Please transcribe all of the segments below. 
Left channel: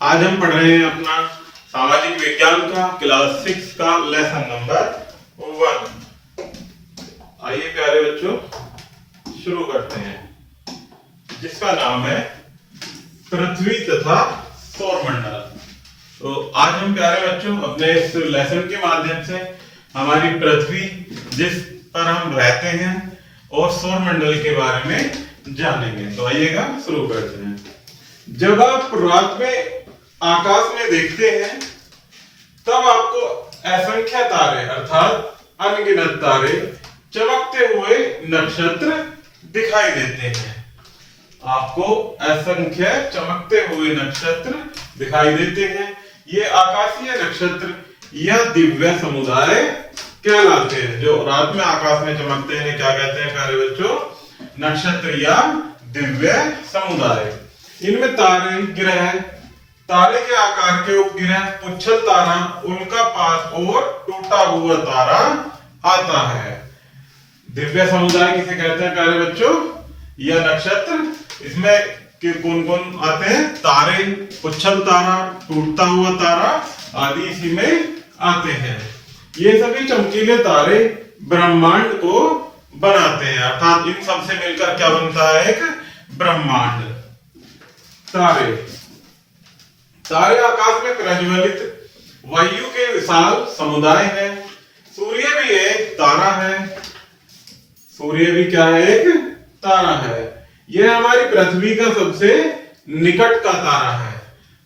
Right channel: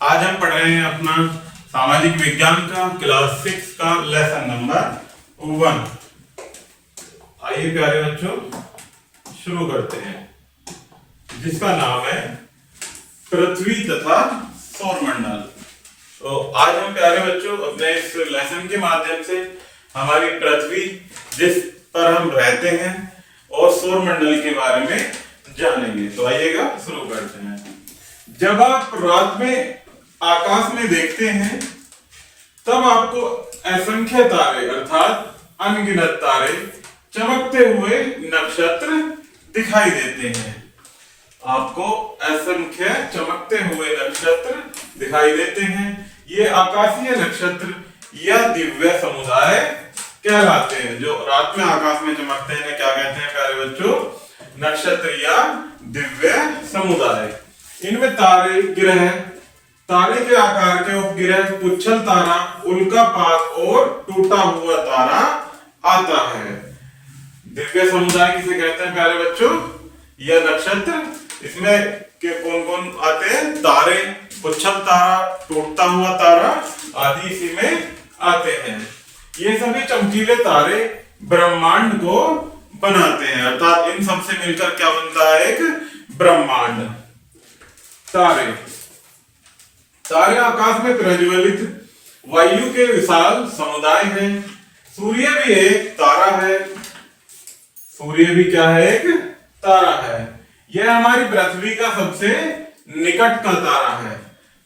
आज हम पढ़ रहे हैं अपना सामाजिक विज्ञान का क्लास 6 का लेसन नंबर 1। आइए प्यारे बच्चों शुरू करते हैं, जिसका नाम है पृथ्वी तथा सौरमंडल। तो आज हम प्यारे बच्चों अपने इस लेसन के माध्यम से हमारी पृथ्वी जिस पर हम रहते हैं और सौरमंडल के बारे में जानेंगे। तो आइएगा शुरू करते हैं। जब आप रात में आकाश में देखते हैं तब आपको असंख्य तारे अर्थात अनगिनत तारे चमकते हुए नक्षत्र दिखाई देते हैं। आपको असंख्य चमकते हुए नक्षत्र दिखाई देते हैं। ये आकाशीय नक्षत्र या दिव्य समुदाय कहलाते हैं। जो रात में आकाश में चमकते हैं इन्हें क्या कहते हैं प्यारे बच्चों? नक्षत्र या दिव्य समुदाय। इनमें तारे, ग्रह, तारे के आकार के उपग्रह, पुच्छल तारा, उल्कापात और टूटा हुआ तारा आता है। दिव्य समुदाय किसे कहते हैं प्यारे बच्चों? यह नक्षत्र। इसमें के कौन कौन आते हैं? तारे, पुच्छल तारा, टूटता हुआ तारा आदि इसी में आते हैं। ये सभी चमकीले तारे ब्रह्मांड को बनाते हैं, अर्थात इन सब से मिलकर क्या बनता है? एक ब्रह्मांड। तारे आकाश में प्रज्वलित वायु के विशाल समुदाय है। सूर्य भी एक तारा है। सूर्य भी क्या है? एक तारा है। यह हमारी पृथ्वी का सबसे निकट का तारा है।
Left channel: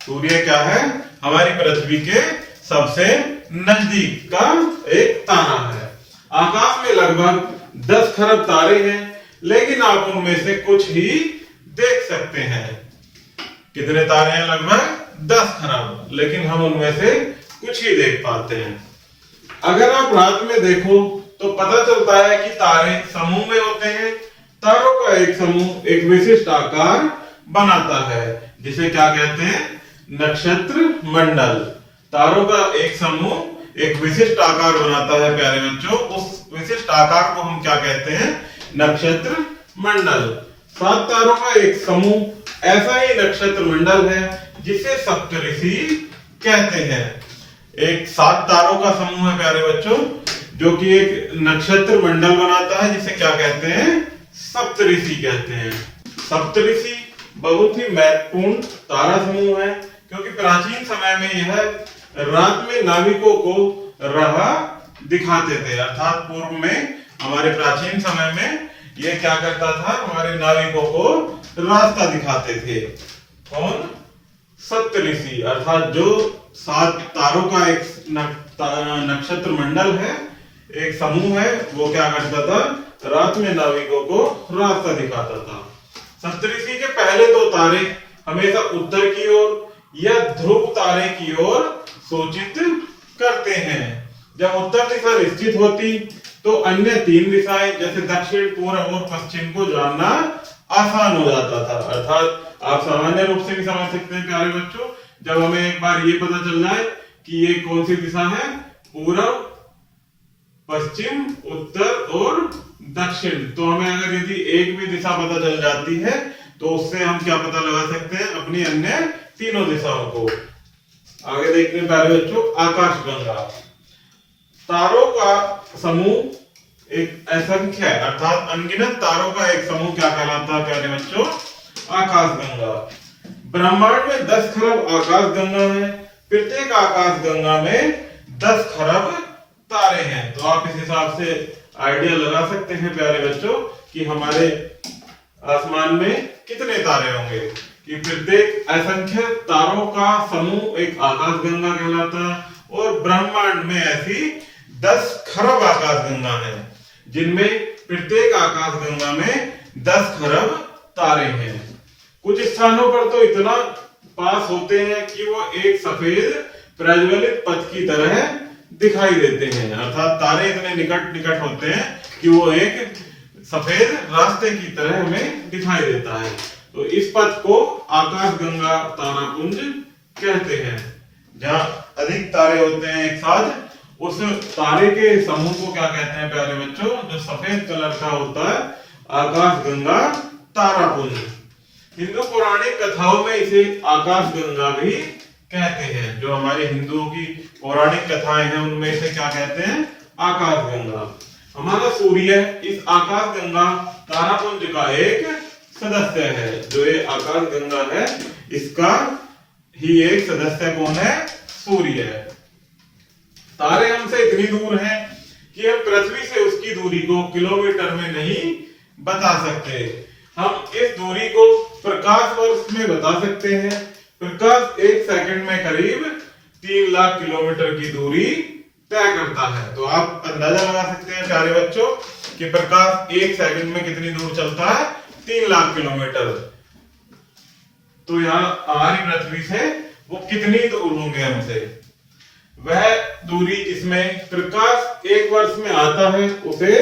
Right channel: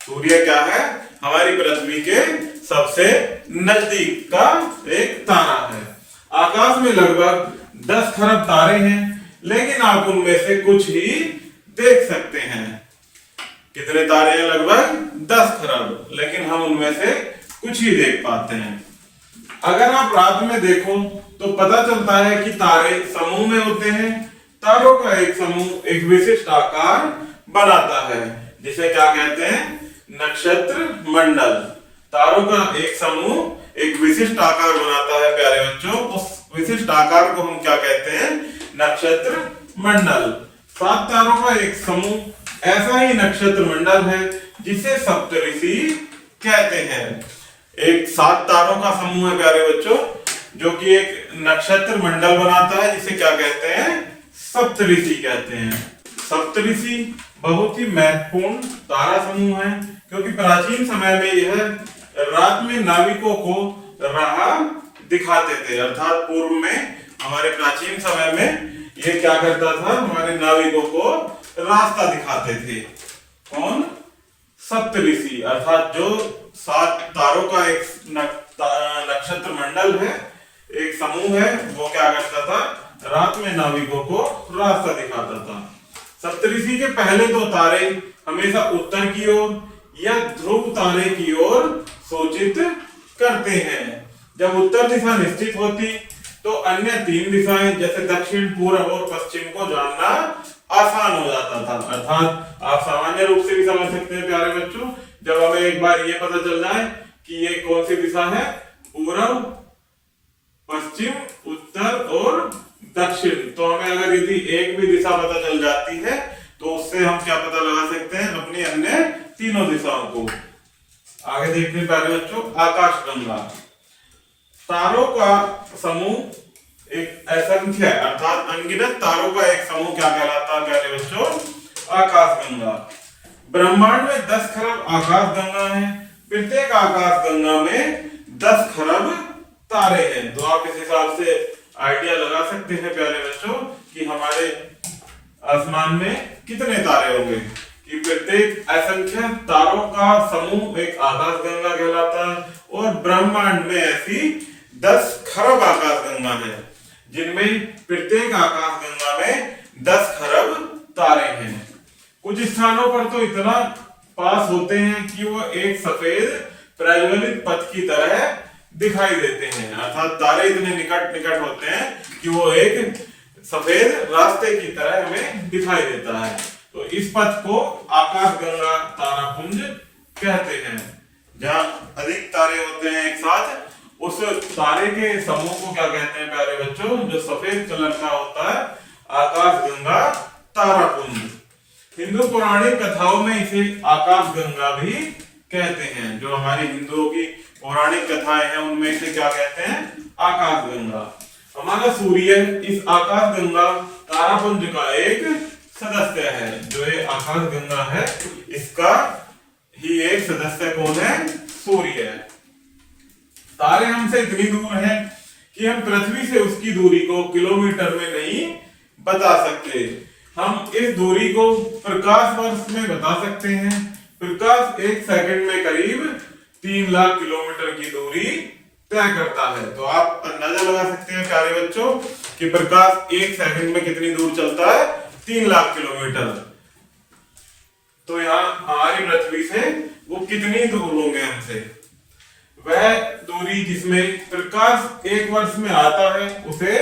सूर्य क्या है? हमारी पृथ्वी के सबसे नजदीक का एक तारा है। आकाश में लगभग 10 खरब तारे हैं, लेकिन आप उनमें से कुछ ही देख सकते हैं। कितने तारे हैं? लगभग 10 खरब, लेकिन हम उनमें से कुछ ही देख पाते हैं। अगर आप रात में देखो तो पता चलता है कि तारे समूह में होते हैं। तारों का एक समूह एक विशिष्ट आकार बनाता है, जिसे क्या कहते हैं? नक्षत्र मंडल। तारों का एक समूह एक विशिष्ट आकार बनाता है प्यारे बच्चों। उस विशिष्ट आकार को हम क्या कहते हैं? नक्षत्र मंडल। 7 तारों का एक समूह ऐसा ही नक्षत्र मंडल है, जिसे सप्तऋषि कहते हैं। एक 7 तारों का समूह है प्यारे बच्चों, जो कि एक नक्षत्र मंडल बनाता है, जिसे क्या कहते हैं? सप्तऋषि कहते हैं। सप्तऋषि बहुत ही महत्वपूर्ण तारा समूह है, क्योंकि प्राचीन समय में यह रात में नाविकों को राह दिखाते थे। अर्थात पूर्व में हमारे प्राचीन समय में यह क्या करता था? हमारे नाविकों को रास्ता दिखाते थे। कौन? सप्तऋषि, अर्थात जो 7 तारों का एक नक्षत्र मंडल है, एक समूह है, वो क्या करता था? रात में नाविकों को रास्ता दिखाता था। सप्तऋषि के पहले 2 तारे हमेशा उत्तर की ओर या ध्रुव तारे की ओर सूचित करते हैं। जब उत्तर दिशा निश्चित होती तो अन्य 3 दिशाएं जैसे दक्षिण, पूर्व और पश्चिम को जानना आसान हो जाता था। अर्थात आप सामान्य रूप से भी समझ सकते हैं प्यारे बच्चों, जब हमें एक बार ये पता चल जाए कि ये कौन सी दिशा है, पूर्व, पश्चिम, उत्तर और दक्षिण, तो हमें अगर यदि एक भी दिशा पता चल जाती है तो उससे हम क्या पता लगा सकते हैं? अपनी अन्य तीनों दिशाओं को। आगे देखते हैं प्यारे बच्चों, आकाशगंगा। तारों का समूह एक असंख्य अर्थात अनगिनत तारों का एक समूह क्या कहलाता है प्यारे बच्चों? आकाशगंगा। ब्रह्मांड में 10 खरब आकाशगंगा है। प्रत्येक आकाशगंगा में 10 खरब तारे हैं। तो आप इस हिसाब से आइडिया लगा सकते हैं प्यारे बच्चों कि हमारे आसमान में कितने तारे होंगे। कि प्रत्येक असंख्य तारों का समूह एक आकाशगंगा कहलाता है, और ब्रह्मांड में ऐसी 10 खरब आकाशगंगा है, जिनमें प्रत्येक आकाशगंगा में 10 खरब तारे हैं। कुछ स्थानों पर तो इतना पास होते हैं कि वो एक सफेद प्रज्वलित पथ की तरह दिखाई देते हैं। अर्थात तारे इतने निकट निकट होते हैं कि वो एक सफेद रास्ते की तरह हमें दिखाई देता है। तो इस पथ को आकाशगंगा तारापुंज कहते हैं। जहां अधिक तारे होते हैं एक साथ, उस तारे के समूह को क्या कहते हैं प्यारे बच्चों? जो सफेद कलर का होता है, आकाशगंगा तारापुंज। हिंदू पौराणिक कथाओं में इसे आकाशगंगा भी कहते हैं। जो हमारे हिंदुओं की पौराणिक कथाएं हैं उनमें से क्या कहते हैं, आकाशगंगा। हमारा सूर्य इस आकाशगंगा तारापुंज का एक सदस्य है। जो ये आकाशगंगा है इसका ही एक सदस्य कौन है, सूर्य है। तारे हमसे इतनी दूर हैं कि हम पृथ्वी से उसकी दूरी को किलोमीटर में नहीं बता सकते। हम इस दूरी को प्रकाश वर्ष में बता सकते हैं। प्रकाश एक सेकंड में करीब 3 लाख किलोमीटर की दूरी तय करता है। तो आप अंदाजा लगा सकते हैं प्यारे बच्चों कि प्रकाश एक सेकंड में कितनी दूर चलता है, 3 लाख किलोमीटर। तो यहाँ हमारी पृथ्वी से वो कितनी दूर होंगे हमसे, वह दूरी जिसमें प्रकाश एक वर्ष में आता है उसे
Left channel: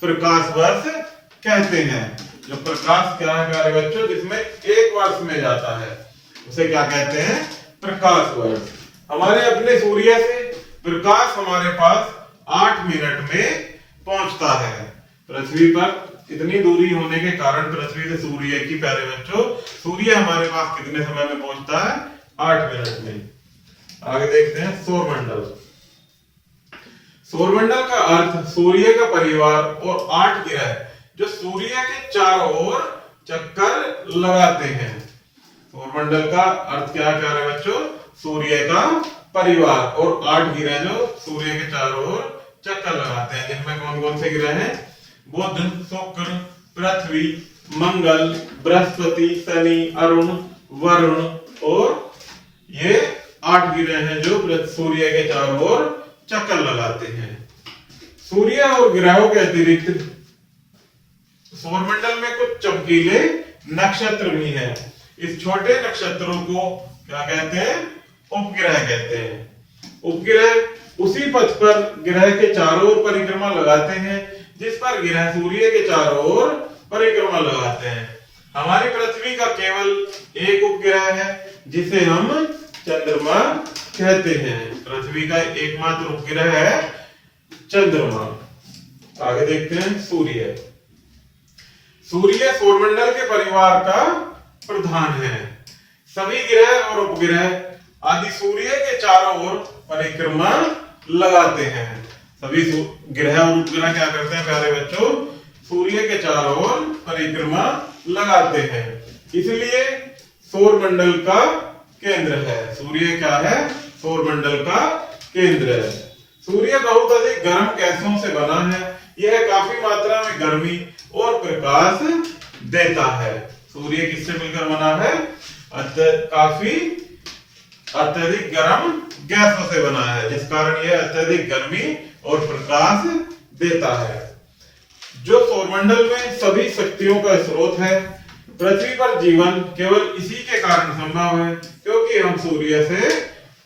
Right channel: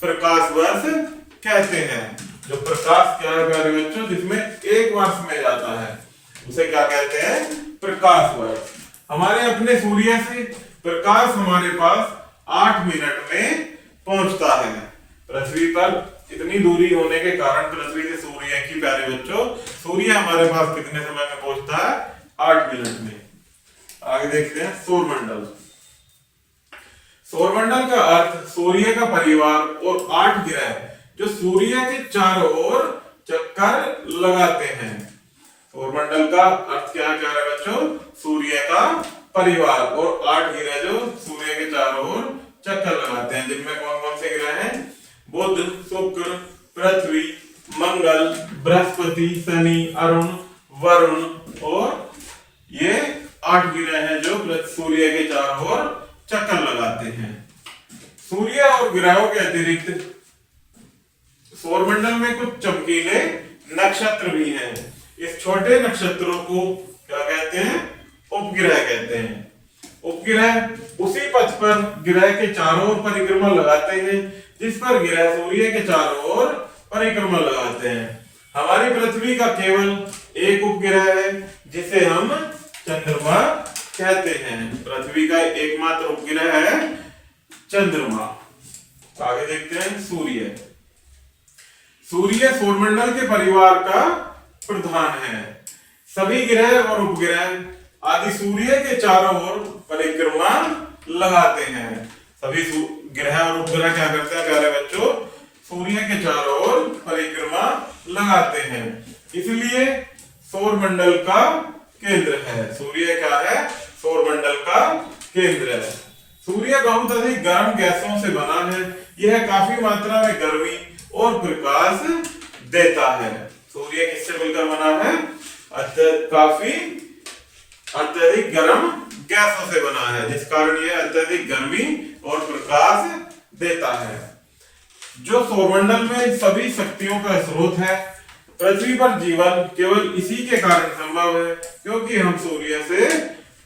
प्रकाश वर्ष कहते हैं। जो प्रकाश क्या है प्यारे बच्चों, जिसमें एक वर्ष में जाता है उसे क्या कहते हैं, प्रकाश वर्ष। हमारे अपने सूर्य से प्रकाश हमारे पास 8 मिनट में पहुंचता है। पृथ्वी पर इतनी दूरी होने के कारण पृथ्वी से सूर्य की, प्यारे बच्चों, सूर्य हमारे पास कितने समय में पहुंचता है, 8 मिनट में। आगे देखते हैं सौरमंडल। सौरमंडल का अर्थ सूर्य का परिवार और 8 ग्रह जो सूर्य के चारों ओर चक्कर लगाते हैं। सौरमंडल का अर्थ क्या है बच्चों, सूर्य का परिवार और 8 ग्रह जो सूर्य के चारों ओर चक्कर लगाते हैं। जिनमें कौन कौन से ग्रह हैं, बुध, शुक्र, पृथ्वी, मंगल, बृहस्पति, शनि, अरुण, वरुण और ये 8 ग्रह हैं जो सूर्य के चारों ओर चक्कर लगाते हैं। सूर्य और ग्रहों के अतिरिक्त सौरमंडल में कुछ चमकीले नक्षत्र भी हैं। इस छोटे नक्षत्रों को क्या कहते हैं, उपग्रह कहते हैं। उपग्रह उसी पथ पर ग्रह के चारों ओर परिक्रमा लगाते हैं जिस पर ग्रह सूर्य के चारों ओर परिक्रमा लगाते हैं। हमारी पृथ्वी का केवल एक उपग्रह है जिसे हम चंद्रमा कहते हैं। पृथ्वी का एकमात्र उपग्रह है चंद्रमा। आगे देखते हैं सूर्य। सूर्य सौरमंडल के परिवार का प्रधान है। सभी ग्रह और उपग्रह आदि सूर्य के चारों ओर परिक्रमा लगाते हैं। सभी ग्रह और उपग्रह क्या करते हैं प्यारे बच्चों, सूर्य के चारों ओर परिक्रमा लगाते हैं। इसलिए सौरमंडल का केंद्र है। सूर्य क्या है, सौरमंडल का केंद्र है। सूर्य बहुत अधिक गर्म गैसों से बना है। यह काफी मात्रा में गर्मी और प्रकाश देता है। सूर्य किससे मिलकर बना है, काफी अत्यधिक गर्म गैसों से बना है, जिस कारण यह अत्यधिक गर्मी और प्रकाश देता है। जो सौरमंडल में सभी शक्तियों का स्रोत है। पृथ्वी पर जीवन केवल इसी के कारण संभव है क्योंकि हम सूर्य से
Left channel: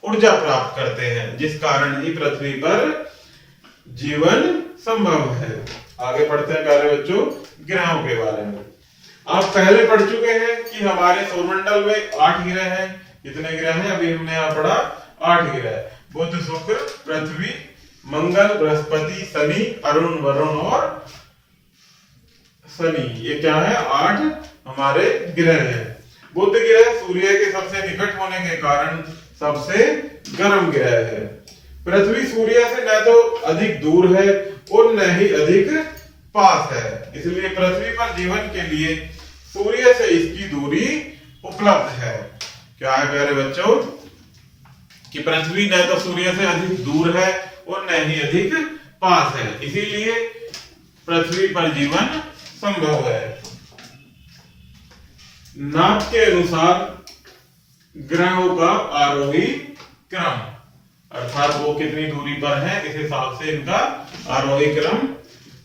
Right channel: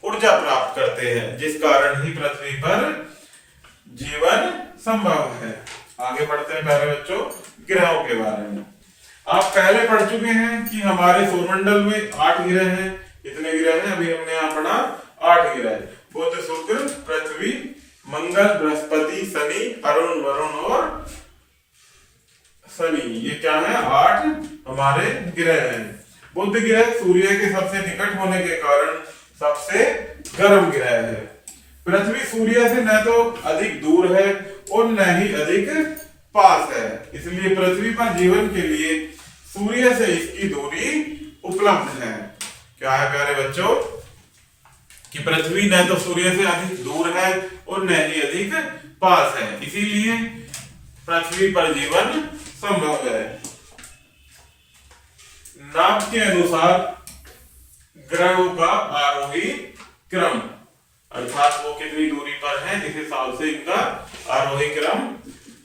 ऊर्जा प्राप्त करते हैं, जिस कारण ही पृथ्वी पर जीवन संभव है। आगे बढ़ते हैं प्यारे बच्चों ग्रहों के बारे में। आप पहले पढ़ चुके हैं कि हमारे सौरमंडल में 8 ग्रह हैं। कितने ग्रह हैं, अभी हमने यहाँ पढ़ा 8 ग्रह, बुध, शुक्र, पृथ्वी, मंगल, बृहस्पति, शनि, अरुण, वरुण और शनि। ये क्या है, 8 हमारे ग्रह हैं। बुध ग्रह सूर्य के सबसे निकट होने के कारण सबसे गर्म ग्रह है। पृथ्वी सूर्य से न तो अधिक दूर है और न ही अधिक पास है, इसलिए पृथ्वी पर जीवन के लिए सूर्य से इसकी दूरी उपलब्ध है। क्या है प्यारे बच्चों कि पृथ्वी न तो सूर्य से अधिक दूर है और न ही अधिक पास है, इसीलिए पृथ्वी पर जीवन संभव है। नाप के अनुसार ग्रहों का आरोही क्रम, अर्थात वो कितनी दूरी पर है इस हिसाब से इनका आरोही क्रम।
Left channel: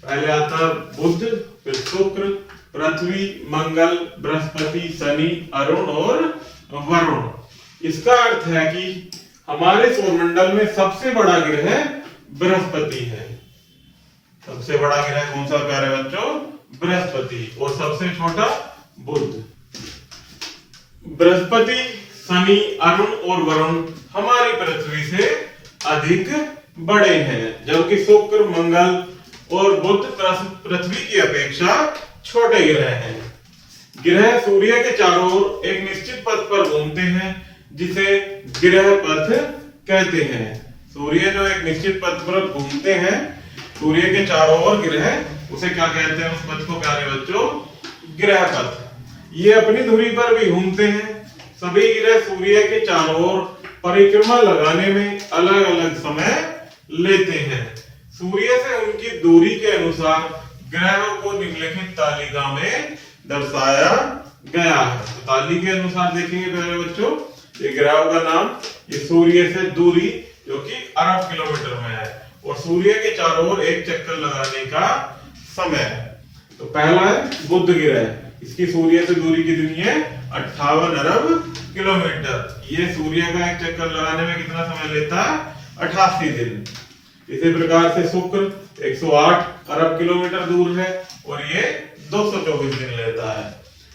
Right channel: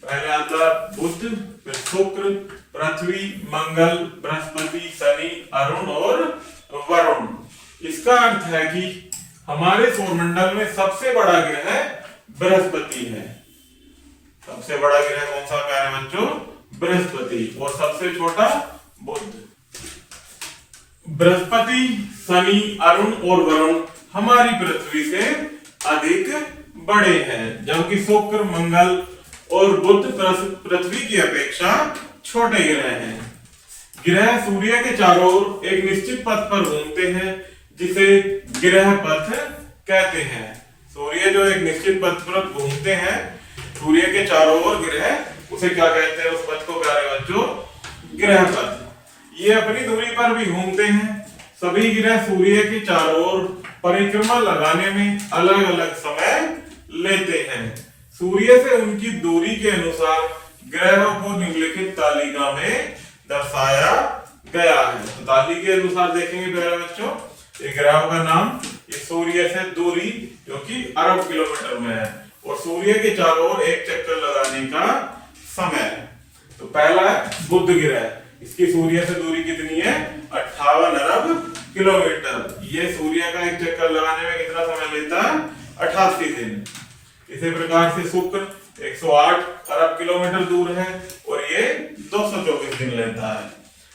पहले आता बुध, फिर शुक्र, पृथ्वी, मंगल, बृहस्पति, शनि, अरुण और वरुण। इसका अर्थ है कि हमारे सौरमंडल में सबसे बड़ा ग्रह बृहस्पति है। सबसे बड़ा ग्रह कौन सा प्यारे बच्चों, बृहस्पति, और सबसे छोटा बुध। बृहस्पति, शनि, अरुण और वरुण हमारी पृथ्वी से अधिक बड़े हैं, जबकि शुक्र, मंगल और बुध पृथ्वी की अपेक्षा छोटे ग्रह हैं। ग्रह सूर्य के चारों ओर एक निश्चित पथ पर घूमते हैं, जिसे ग्रह पथ कहते हैं। सूर्य जो एक निश्चित पथ पर घूमते हैं, सूर्य के चारों ओर ग्रह, उसे क्या कहते हैं? उस पथ को प्यारे बच्चों ग्रह पथ। ये अपनी धुरी पर भी घूमते हैं। सभी ग्रह सूर्य के चारों ओर परिक्रमा लगाने में अलग अलग समय लेते हैं। सूर्य से उनकी दूरी के अनुसार ग्रहों को निम्नलिखित तालिका में दर्शाया गया है। तो तालिका के अनुसार देखेंगे प्यारे बच्चों, ये ग्रहों का नाम, ये सूर्य से दूरी जो कि अरब किलोमीटर में है, और सूर्य के चारों ओर एक चक्कर लगाने का समय। तो पहला है बुध ग्रह, इसकी सूर्य से दूरी कितनी है? 58 अरब किलोमीटर। ये सूर्य का एक चक्कर लगाने में कितना समय लेता है? 88 दिन। इसी प्रकार से शुक्र 108 अरब किलोमीटर दूर है और ये 224 दिन लेता है।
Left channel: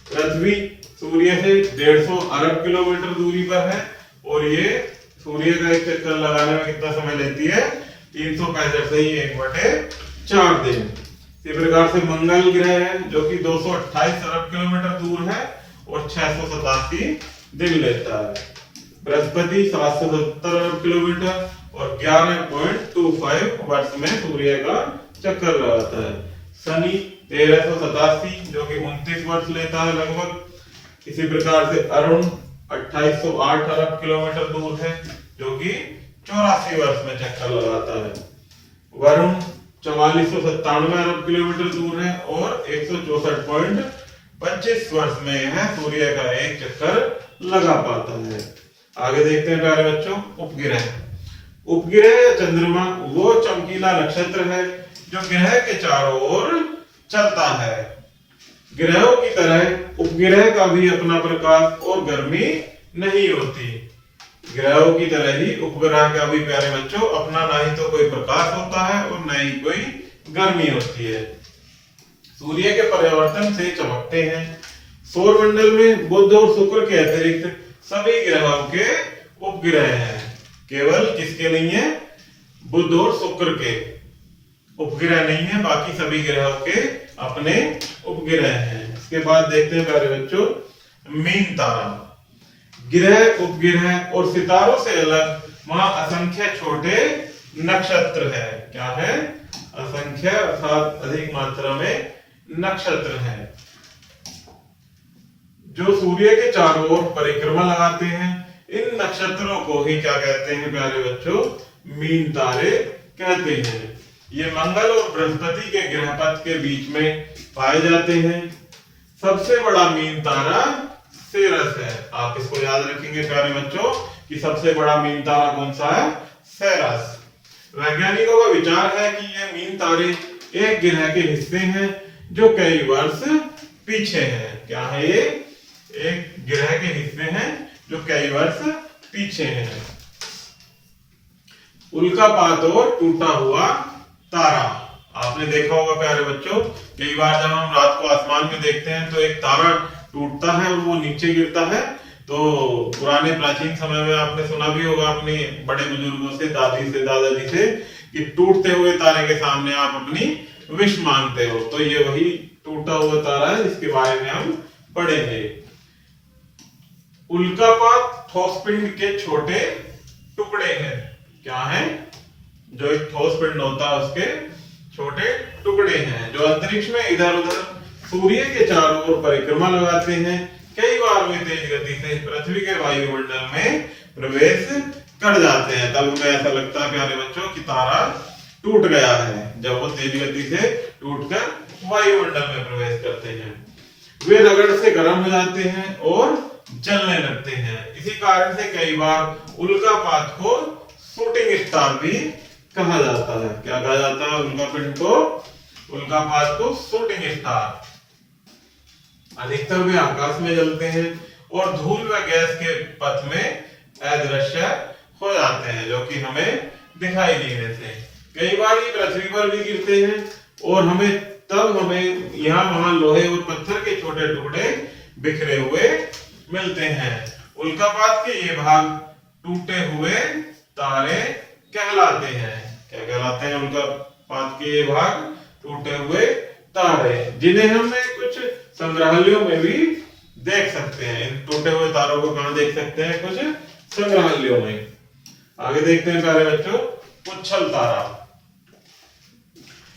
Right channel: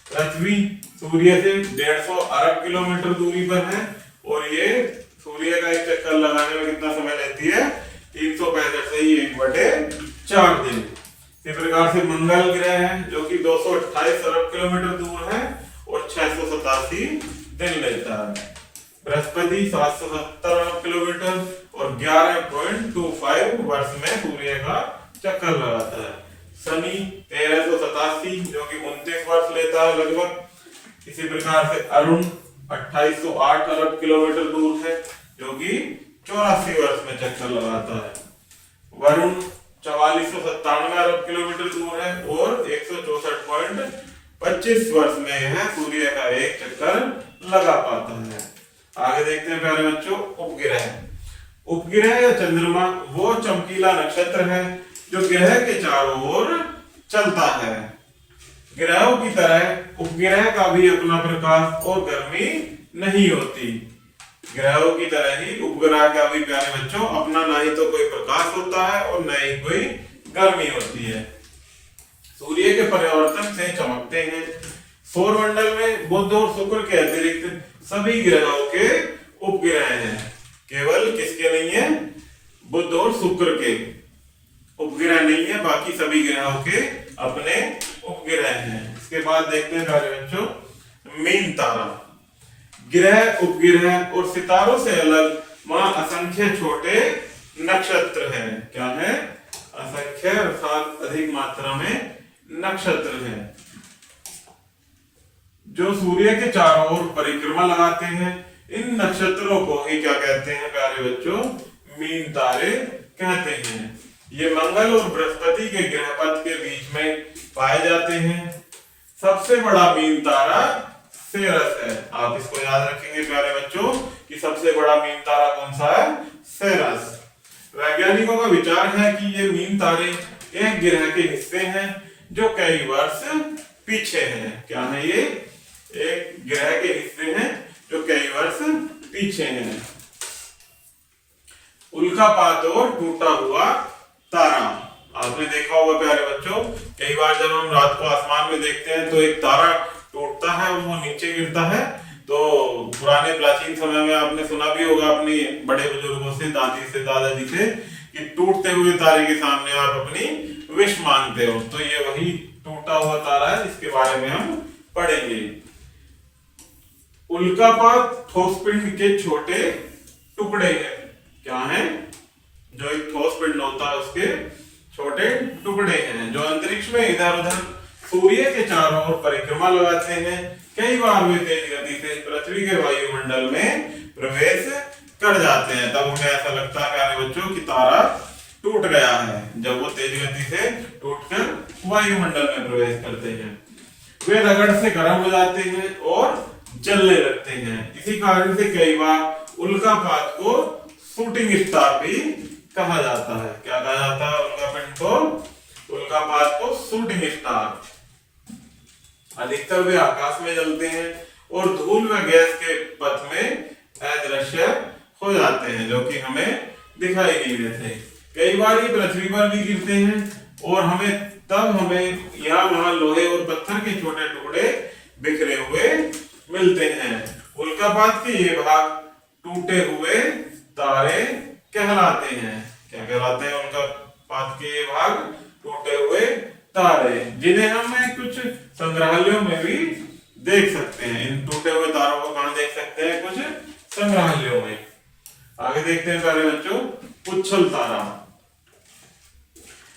पृथ्वी सूर्य से 150 अरब किलोमीटर दूरी पर है और ये सूर्य का एक चक्कर लगाने में कितना समय लेती है? 365 से ही 1/4 दिन। इसी प्रकार से मंगल ग्रह है जो कि 228 अरब किलोमीटर दूर है और 687 दिन लेता है। बृहस्पति 770 अरब किलोमीटर और 11.25 वर्ष में सूर्य का चक्कर लगाता है। शनि 1387 जो कि 29 वर्ष लेता है लगभग। इसी प्रकार से अरुण 2808 अरब किलोमीटर दूर है जो कि 84 वर्ष में चक्कर लगाता है। वरुण 4497 अरब किलोमीटर दूर है और 164.25 वर्ष में है सूर्य का एक चक्कर लगा पाता है। आगे देखते हैं प्यारे बच्चों उपग्रह। उपग्रह या चंद्रमा वो चमकीला नक्षत्र है जो ग्रह के चारों ओर चलता है। ग्रहों की तरह उपग्रह का भी अपना प्रकाश और गर्मी नहीं होती। ग्रहों की तरह ही उपग्रह का भी प्यारे बच्चों अपना ना ही तो कोई प्रकाश होता है और न ही कोई गर्मी होती है। सूर्य के परिवर्तन से चमकते हैं। सौरमंडल में बुध और शुक्र के अतिरिक्त सभी ग्रहों के उपग्रह हैं। केवल किसके नहीं है? बुध और शुक्र के उपग्रह नहीं है, बाकी सभी ग्रहों के अपने उपग्रह हैं। इसके बाद देखते हैं प्यारे बच्चों मीन तारा। ग्रह, उपग्रह और सितारों से अलग वहां असंख्य छोटे नक्षत्र हैं। क्या है? असंख्य अर्थात अधिक मात्रा में नक्षत्र हैं जो सूर्य के चारों ओर परिक्रमा लगाते हैं। इन नक्षत्रों को ही क्या कहते हैं प्यारे बच्चों? मीन तारे कहते हैं। ये मंगल और बृहस्पति के ग्रहपथ के बीच में पाए जाते हैं। सबसे बड़ा मीन तारा सेरस है। आप इसको याद रखेंगे प्यारे बच्चों कि सबसे बड़ा मीन तारा कौन सा है? सेरस। वैज्ञानिकों का विचार है कि ये मीन तारे एक ग्रह के हिस्से हैं जो कई वर्ष पीछे हैं। क्या है ये? एक ग्रह के हिस्से हैं जो कई वर्ष पीछे हैं। उल्कापात और टूटा हुआ तारा। आपने देखा होगा प्यारे बच्चों, कई बार जब हम रात को आसमान में देखते हैं तो एक तारा टूटता है और वो नीचे गिरता है। तो पुराने प्राचीन समय में आपने सुना भी होगा अपनी बड़े बुजुर्गों से, दादी से, दादाजी से, कि टूटते हुए तारे के सामने आप अपनी विश मांगते हो। तो ये वही टूटा हुआ तारा है जिसके बारे में हम पढ़ेंगे। उल्कापात ठोस पिंड के छोटे टुकड़े हैं। क्या है? जो एक ठोस पिंड होता है उसके छोटे टुकड़े हैं जो अंतरिक्ष में इधर उधर सूर्य के चारों ओर परिक्रमा लगाते हैं। कई बार वे तेज गति से पृथ्वी के वायुमंडल में प्रवेश कर जाते हैं। तब उन्हें ऐसा लगता है प्यारे बच्चों कि तारा टूट गया है, जब वो तेज गति से टूटकर वायुमंडल में प्रवेश करते हैं। वे रगड़ से गर्म हो जाते हैं और जलने लगते हैं। इसी कारण से कई बार उल्कापात को शूटिंग स्टार भी कहा जाता है। क्या कहा जाता है उल्कापिंड को? उल्कापात को शूटिंग स्टार। अधिकतर वे आकाश में जलते हैं और धूल व गैस के पथ में अदृश्य हो जाते हैं जो कि हमें दिखाई नहीं देते। कई बार ये पृथ्वी पर भी गिरते हैं और हमें यहाँ वहां लोहे और पत्थर के छोटे टुकड़े बिखरे हुए मिलते हैं। उल्कापात के ये भाग टूटे हुए तारे कहलाते हैं। क्या कहलाते हैं? उल्कापात के ये भाग टूटे हुए तारे, जिन्हें हमें कुछ संग्रहालयों में भी देख सकते हैं। इन टूटे हुए तारों को कहां देख सकते हैं? कुछ संग्रहालयों में। आगे देखते हैं प्यारे बच्चों, पुच्छल तारा।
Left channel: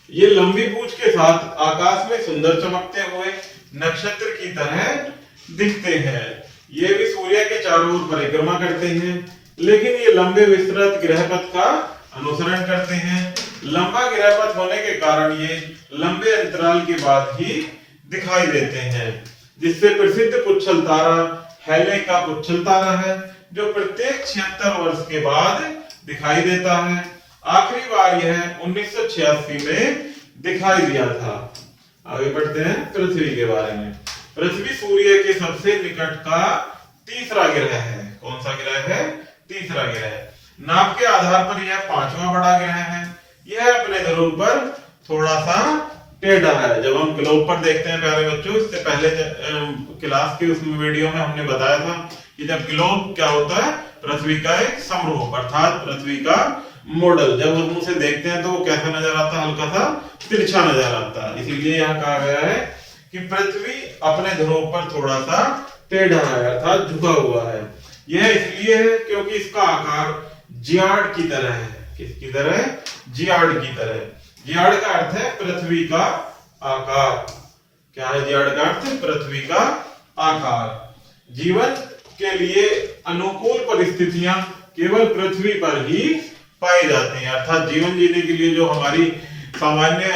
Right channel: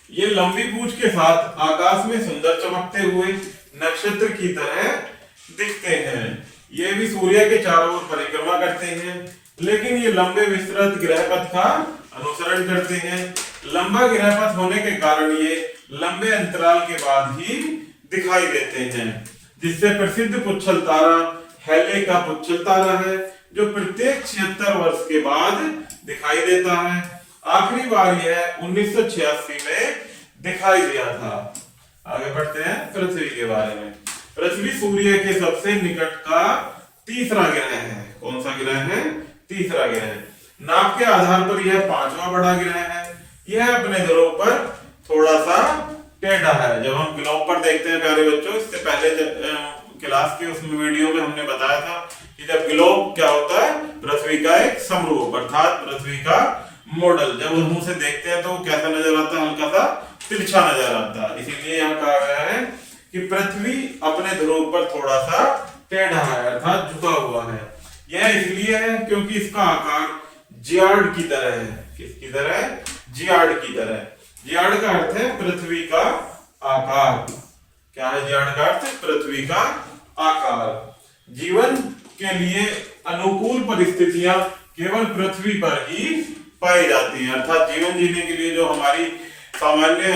ये लंबी पूंछ के साथ आकाश में सुंदर चमकते हुए नक्षत्र की तरह दिखते हैं। ये भी सूर्य के चारों ओर परिक्रमा करते हैं, लेकिन ये लंबे विस्तृत ग्रहपथ का अनुसरण करते हैं। लंबा ग्रहपथ होने के कारण ये लंबे अंतराल के बाद ही दिखाई देते हैं, जिससे प्रसिद्ध पुच्छल तारा हैले का पुच्छल तारा है, जो प्रत्येक 76 वर्ष के बाद दिखाई देता है। आखिरी बार यह 1986 में दिखाई दिया था। आगे बढ़ते हैं पृथ्वी के बारे में। पृथ्वी सूर्य के सबसे निकट का तीसरा ग्रह है। कौन सा ग्रह है? तीसरा ग्रह। नाप के आधार पर यह 5वां बड़ा ग्रह है। यह अपने ध्रुव पर थोड़ा सा टेढ़ा है। जब हम ग्लोब पर देखते हैं प्यारे बच्चों, इससे पहले क्लास के उस वीडियो में हमने बताया था कि जब ग्लोब क्या होता है? पृथ्वी का एक समरूप अर्थात पृथ्वी का मॉडल। जब हम उसे देखते हैं तो वो कैसा नजर आता है? हल्का सा तिरछा नजर आता है। इसीलिए यहाँ कहा गया है कि पृथ्वी अपने ध्रुव पर थोड़ा सा टेढ़ा है अर्थात झुका हुआ है। यह इसलिए है क्योंकि इसका आकार जियार्ड की तरह है। किसकी तरह? जियार्ड की तरह। जियार्ड का अर्थ है पृथ्वी का आकार। क्या है जियार्ड का अर्थ? पृथ्वी का आकार। जीवन के लिए अनुकूल परिस्थितियां केवल पृथ्वी पर ही पाई जाती हैं, अर्थात जीवन जीने के लिए जो हमारी सामान्य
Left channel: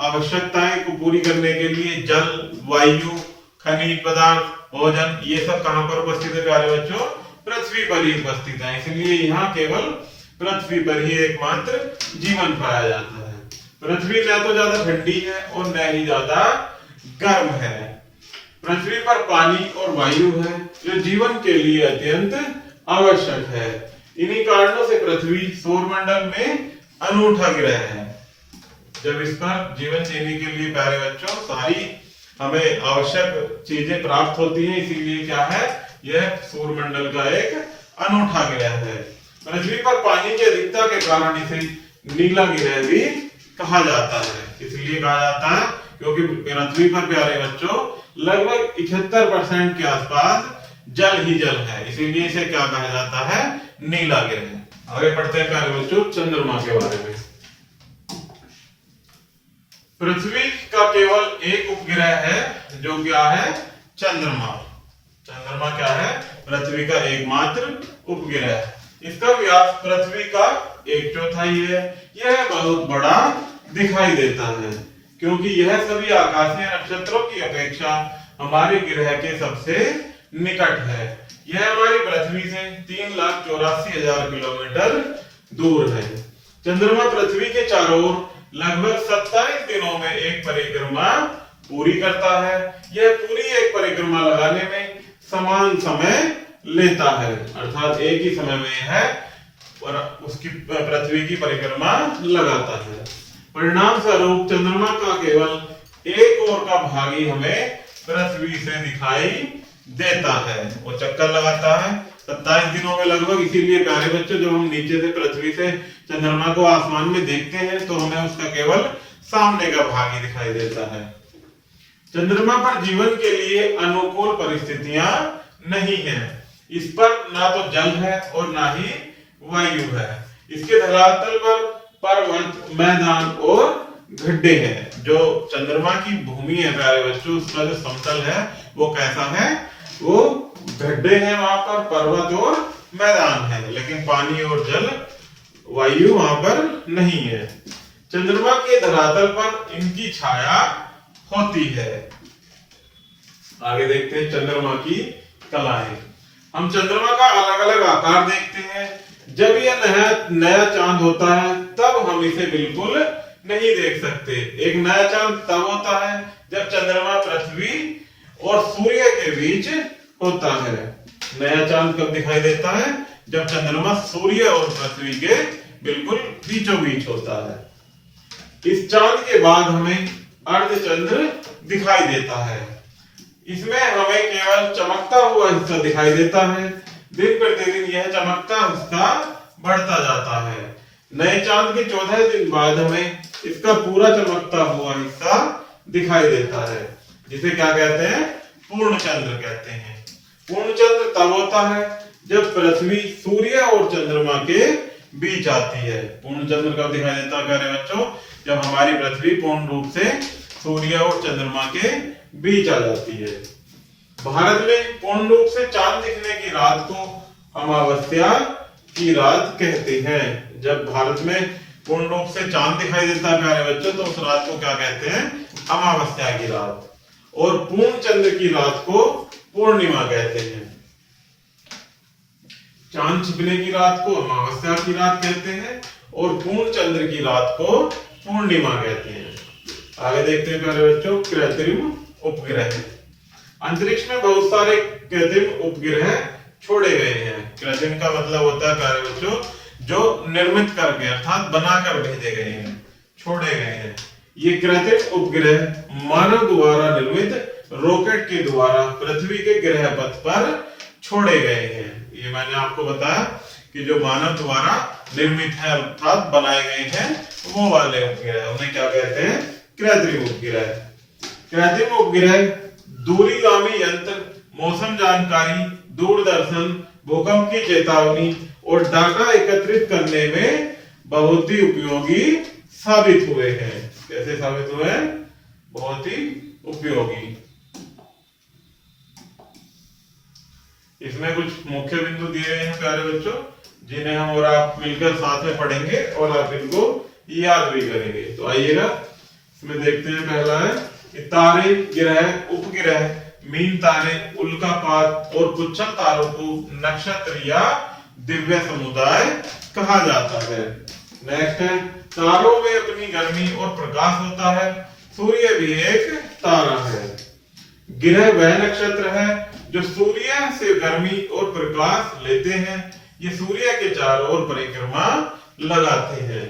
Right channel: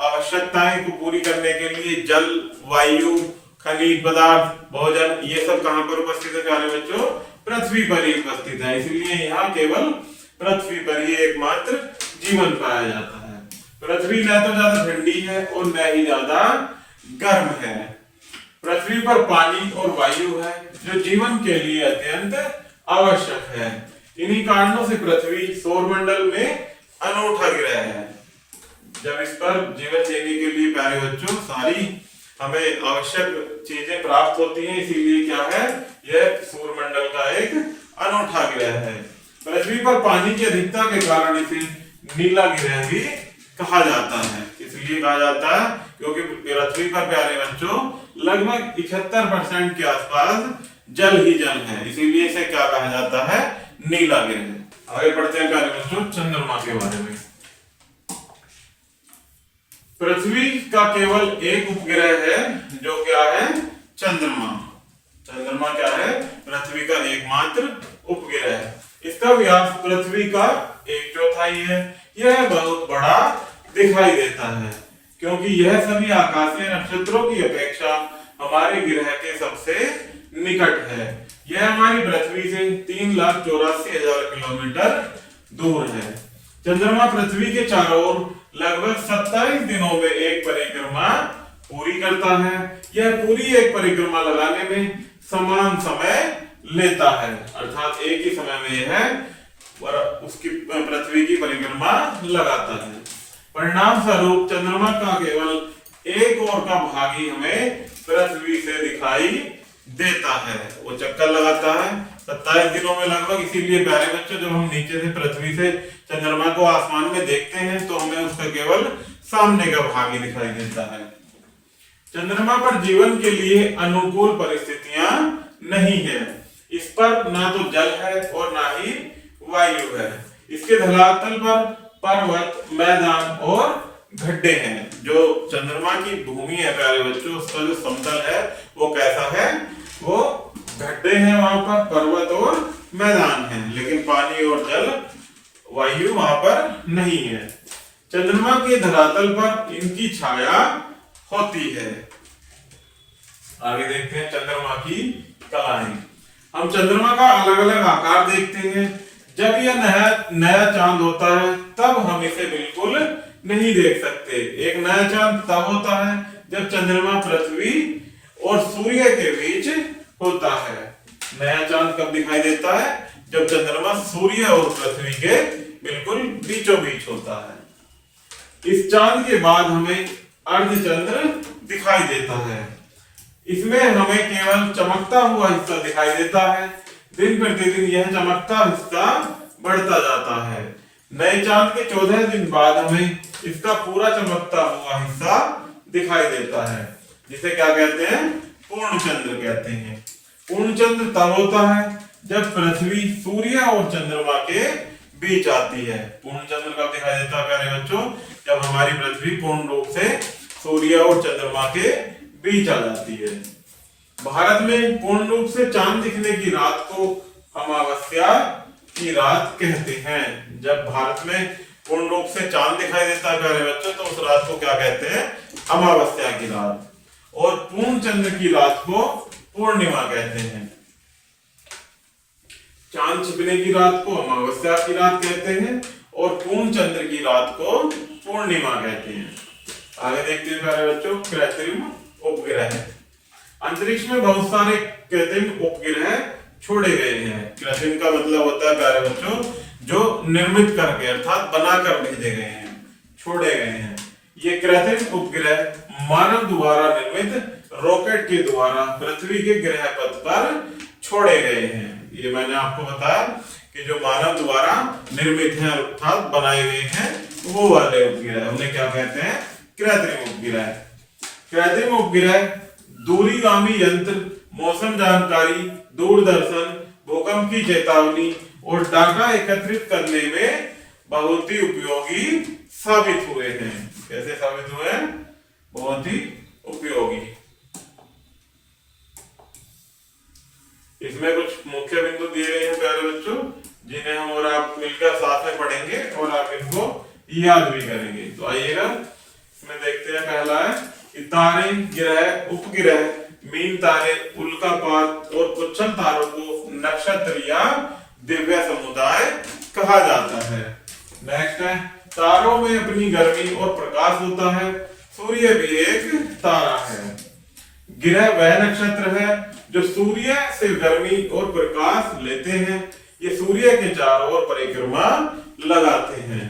आवश्यकताएं को पूरी करने के लिए जल, वायु, खनिज पदार्थ, भोजन, ये सब कहां पर उपस्थित है प्यारे बच्चों? पृथ्वी पर ही उपस्थित है। इसलिए यहाँ केवल पृथ्वी पर ही एकमात्र जीवन पाया जाता है। पृथ्वी न तो ज्यादा ठंडी है और न ही ज्यादा गर्म है। पृथ्वी पर पानी और वायु है, जो जीवन के लिए अत्यंत आवश्यक है। इन्हीं कारणों से पृथ्वी सौरमंडल में अनूठा ग्रह है। जब इस पर जीवन जीने के लिए प्यारे बच्चों सारी हमें आवश्यक चीजें प्राप्त होती हैं, इसीलिए क्या है? यह सौरमंडल का एक अनूठा ग्रह है। पृथ्वी पर पानी की अधिकता के कारण इसे नीला ग्रह भी कहा जाता है। इसलिए कहा जाता है क्योंकि पृथ्वी पर प्यारे बच्चों लगभग 71% के आसपास जल ही जल है, इसीलिए इसे क्या कहा जाता है? नीला ग्रह। आगे बढ़ते हैं प्यारे बच्चों चंद्रमा के बारे में। पृथ्वी का केवल एक उपग्रह है, जो क्या है? चंद्रमा। चंद्रमा क्या है? पृथ्वी का एकमात्र उपग्रह। इसका व्यास पृथ्वी का 1/4 है। यह बहुत बड़ा दिखाई देता है क्योंकि यह सभी आकाशीय नक्षत्रों की अपेक्षा हमारे ग्रह के सबसे निकट है। यह हमारी पृथ्वी से 3,84,000 किलोमीटर दूर है। चंद्रमा पृथ्वी के चारों ओर लगभग 27 दिनों में एक परिक्रमा पूरी करता है। यह पूरी एक परिक्रमा लगाने में समान समय लेता है, अर्थात एक ही समय में यह उसकी पृथ्वी की परिक्रमा लगाता है। परिणाम स्वरूप चंद्रमा का केवल एक ओर का भाग ही हमें पृथ्वी से दिखाई देता है। वो चक्कर लगाता है 27 दिनों में लगभग। इसीलिए प्यारे बच्चों जब हम नीचे से पृथ्वी से चंद्रमा को आसमान में देखते हैं तो हमें उसका केवल सामने का भाग ही दिखाई देता है। चंद्रमा पर जीवन के लिए अनुकूल परिस्थितियां नहीं है। इस पर ना तो जल है और ना ही वायु है। इसके धरातल पर पर्वत, मैदान और गड्ढे हैं। जो चंद्रमा की भूमि है प्यारे बच्चों, उसका जो समतल है वो कैसा है? वो गड्ढे हैं, वहां पर पर्वत और मैदान है, लेकिन पानी और जल, वायु वहां पर नहीं है। चंद्रमा के धरातल पर इनकी छाया होती है। आगे देखते हैं चंद्रमा की कलाएं। हम चंद्रमा का अलग अलग आकार देखते हैं। जब यह नया चांद होता है तब हम इसे बिल्कुल नहीं देख सकते। एक नया चांद तब होता है जब चंद्रमा पृथ्वी और सूर्य के बीच होता है। नया चांद कब दिखाई देता है? जब चंद्रमा सूर्य और पृथ्वी के बिल्कुल बीचों बीच होता है। इस चांद के बाद हमें अर्धचंद्र दिखाई देता है। इसमें हमें केवल चमकता हुआ हिस्सा दिखाई देता है। दिन प्रतिदिन यह चमकता हिस्सा बढ़ता जाता है। नए चांद के 14 दिन बाद हमें इसका पूरा चमकता हुआ हिस्सा दिखाई देता है, जिसे क्या कहते हैं? पूर्ण चंद्र कहते हैं। पूर्ण चंद्र तब होता है जब पृथ्वी सूर्य और चंद्रमा के बीच आती है। पूर्ण चंद्र कब दिखाई देता है प्यारे बच्चों? जब हमारी पृथ्वी पूर्ण रूप से सूर्य और चंद्रमा के बीच आ जाती है। भारत में पूर्ण रूप से चांद दिखने की रात को अमावस्या की रात कहते हैं। जब भारत में पूर्ण रूप से चांद दिखाई देता है प्यारे बच्चों, तो उस रात को क्या कहते हैं? अमावस्या की रात। और पूर्ण चंद्र की रात को पूर्णिमा कहते हैं। चांद छिपने की रात को अमावस्या की रात कहते हैं और पूर्ण चंद्र की रात को पूर्णिमा कहते हैं। आगे देखते हैं प्यारे बच्चों, कृत्रिम उपग्रह। अंतरिक्ष में बहुत सारे कृत्रिम उपग्रह छोड़े गए हैं। कृत्रिम का मतलब होता है प्यारे बच्चों जो निर्मित करके अर्थात बनाकर भेजे गए हैं, छोड़े गए हैं। ये कृत्रिम उपग्रह मानव द्वारा निर्मित रॉकेट के द्वारा पृथ्वी के ग्रह पथ पर छोड़े गए हैं। ये मैंने आपको बताया कि जो मानव द्वारा निर्मित है अर्थात बनाए गए हैं वो वाले उपग्रह, उन्हें क्या कहते हैं? कृत्रिम उपग्रह। कृत्रिम उपग्रह दूरगामी यंत्र, मौसम जानकारी, दूरदर्शन, भूकंप की चेतावनी और डाटा एकत्रित करने में बहुत ही उपयोगी साबित हुए हैं। कैसे साबित हुए हैं? बहुत ही उपयोगी। इसमें कुछ मुख्य बिंदु दिए गए हैं प्यारे बच्चों, जिन्हें हम और आप मिलकर साथ में पढ़ेंगे और आप इनको याद भी करेंगे। तो आइएगा इसमें देखते हैं। पहला है कि तारे, ग्रह, उपग्रह, मीन तारे, उल्कापात और पुच्छल तारों को नक्षत्र या दिव्य समुदाय कहा जाता है। नेक्स्ट है तारों में अपनी गर्मी और प्रकाश होता है। सूर्य भी एक तारा है। ग्रह वह नक्षत्र है जो सूर्य से गर्मी और प्रकाश लेते हैं। ये सूर्य के चारों ओर परिक्रमा लगाते हैं।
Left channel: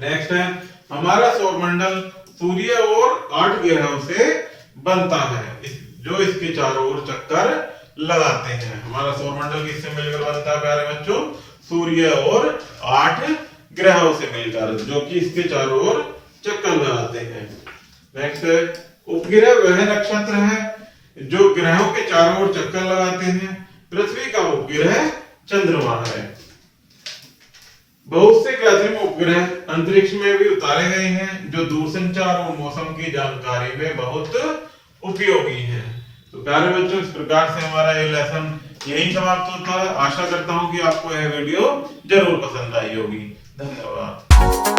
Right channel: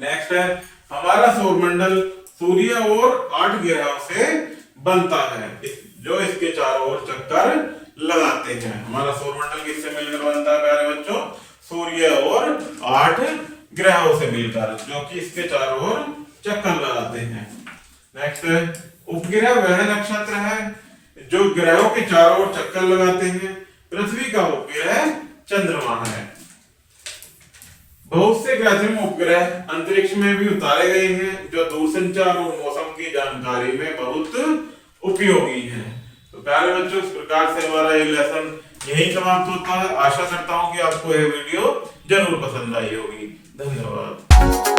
नेक्स्ट है हमारा सौरमंडल सूर्य और 8 ग्रहों से बनता है जो इसके चारों ओर चक्कर लगाते हैं। हमारा सौरमंडल किससे मिलकर बनता है प्यारे बच्चों? सूर्य और 8 ग्रहों से मिलकर, जो कि इसके चारों ओर चक्कर लगाते हैं। नेक्स्ट उपग्रह वह नक्षत्र है जो ग्रहों के चारों ओर चक्कर लगाते हैं। पृथ्वी का उपग्रह चंद्रमा है। बहुत से कृत्रिम उपग्रह अंतरिक्ष में भी उतारे गए हैं जो दूरसंचार और मौसम की जानकारी में बहुत उपयोगी हैं। तो प्यारे बच्चों इस प्रकार से हमारा ये लेसन यहीं समाप्त होता है। आशा करता हूं कि आपको यह वीडियो जरूर पसंद आई होगी। धन्यवाद।